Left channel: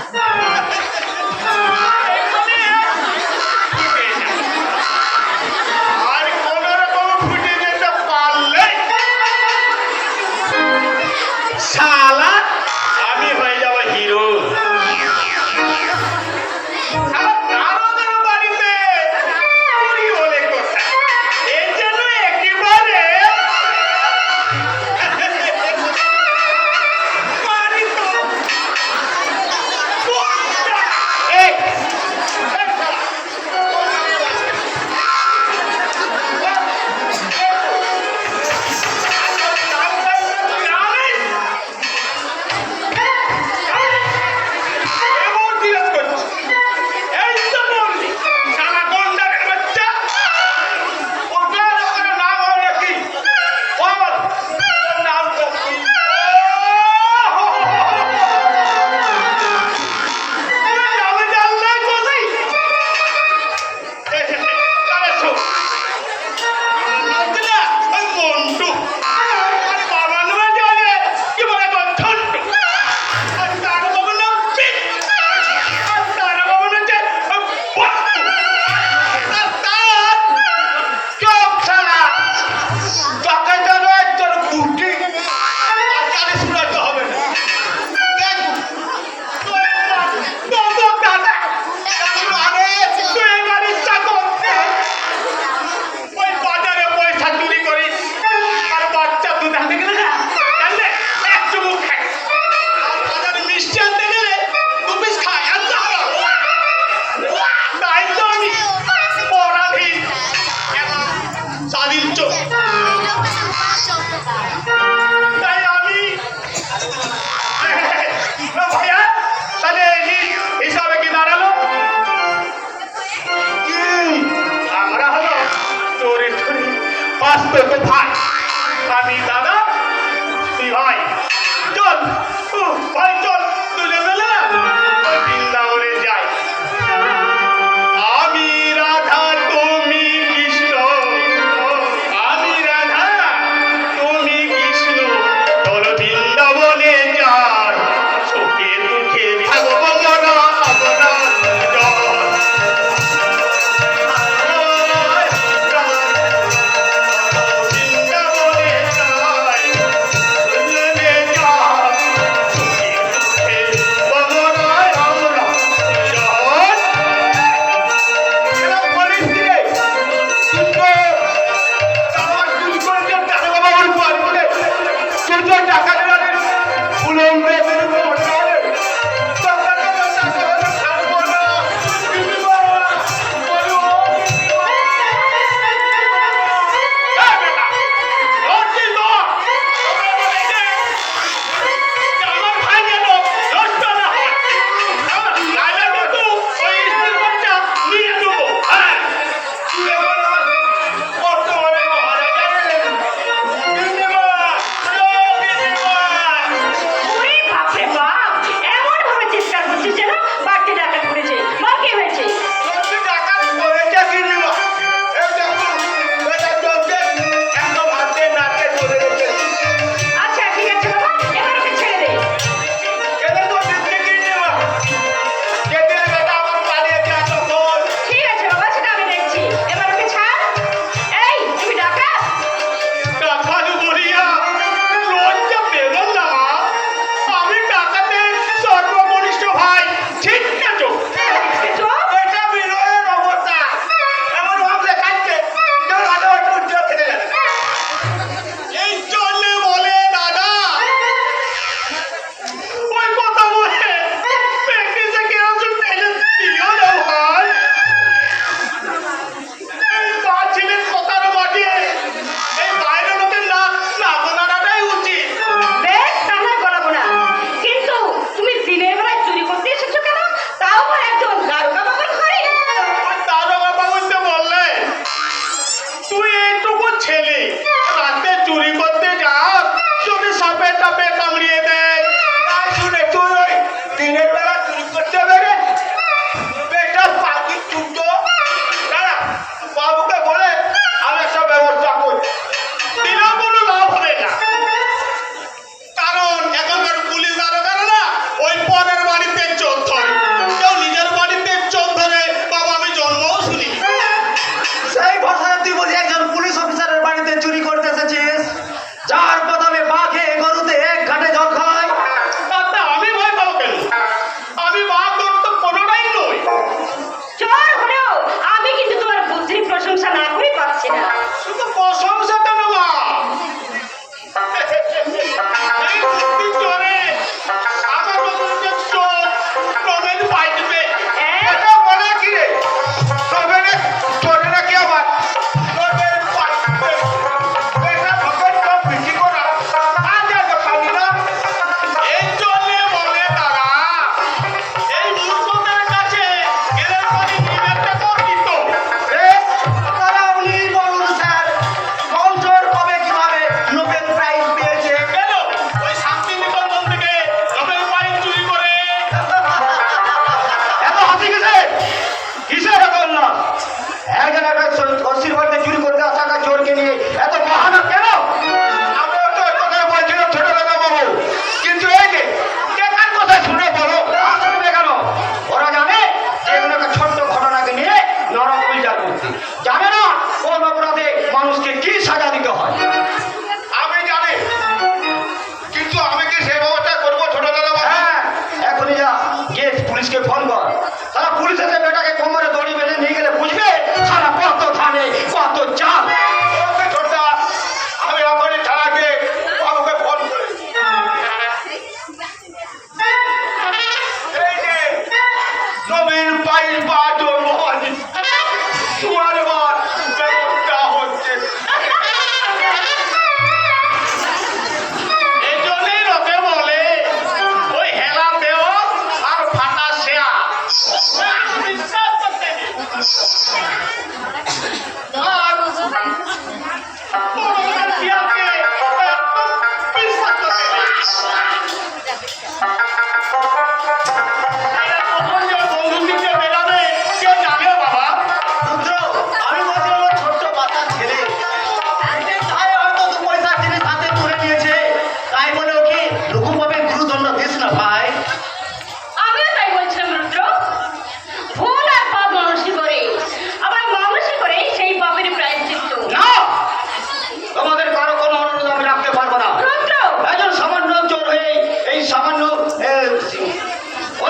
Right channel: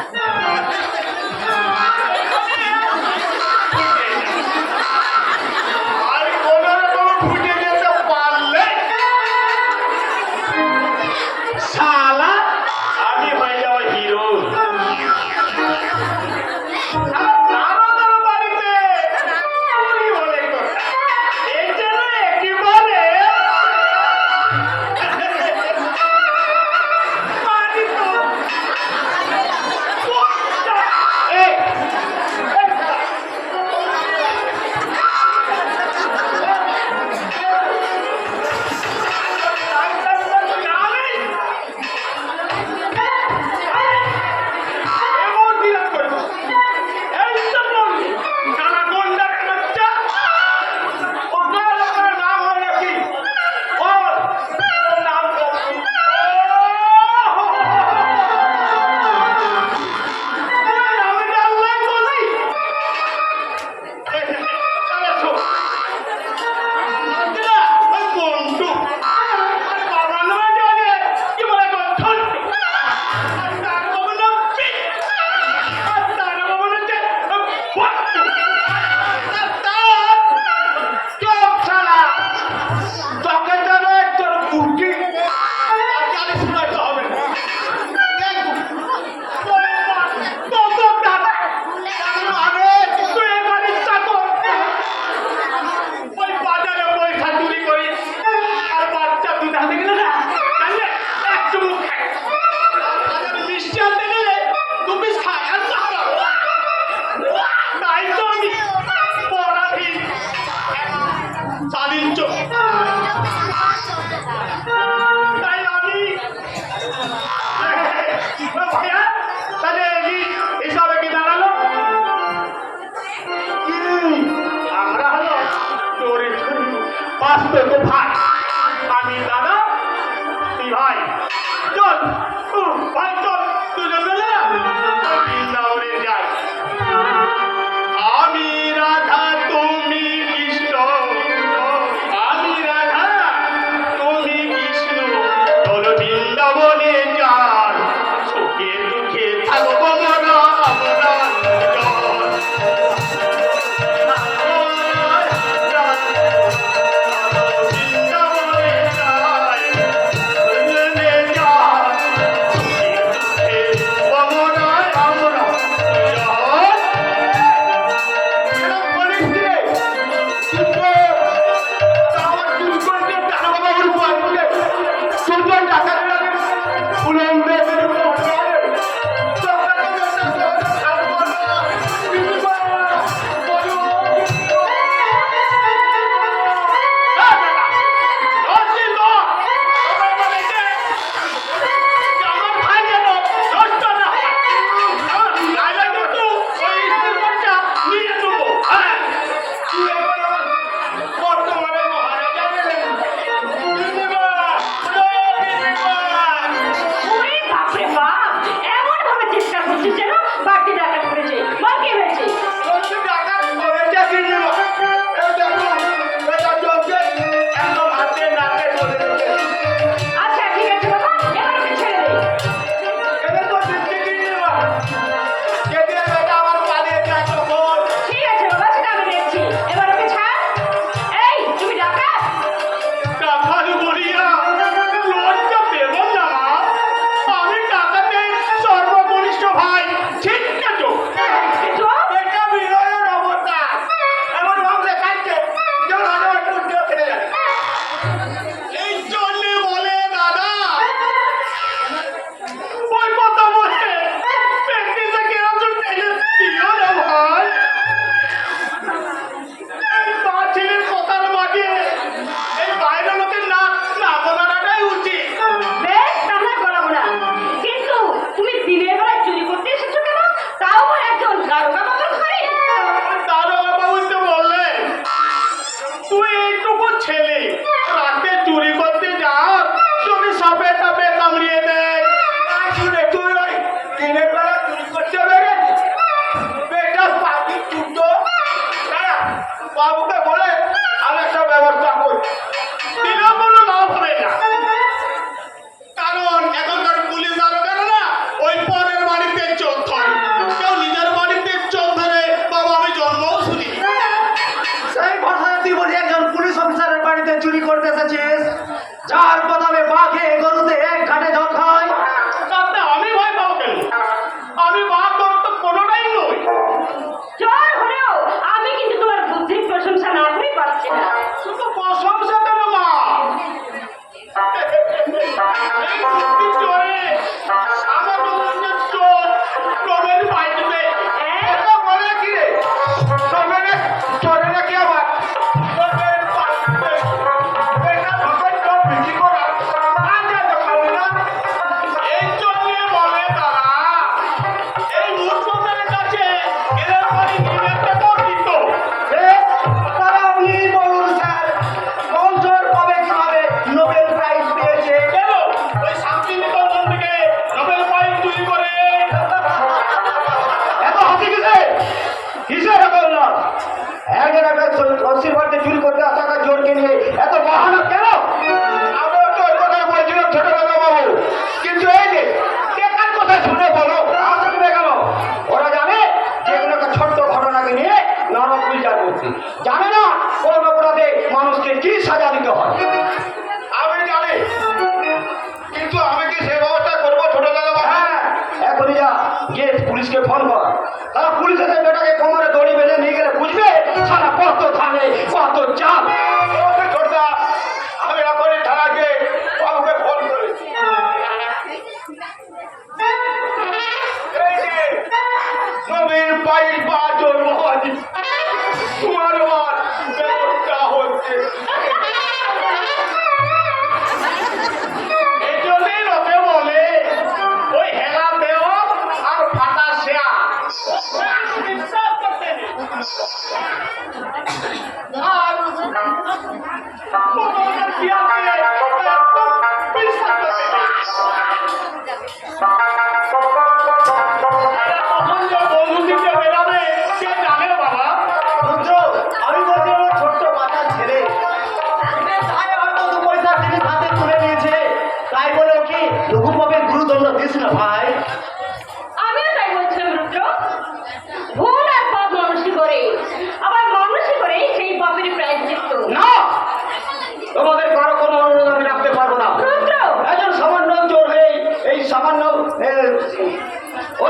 Yes. আলীর চোখ তাই দাঁড়াল? আমরা হলো তোর তো ভাগ। আমি দাদা, তুই ভাই। চল। ভাই, চল। I'm Bravo, Ale! Full of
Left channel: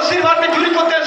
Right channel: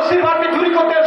ওসির বাড়িতে করতে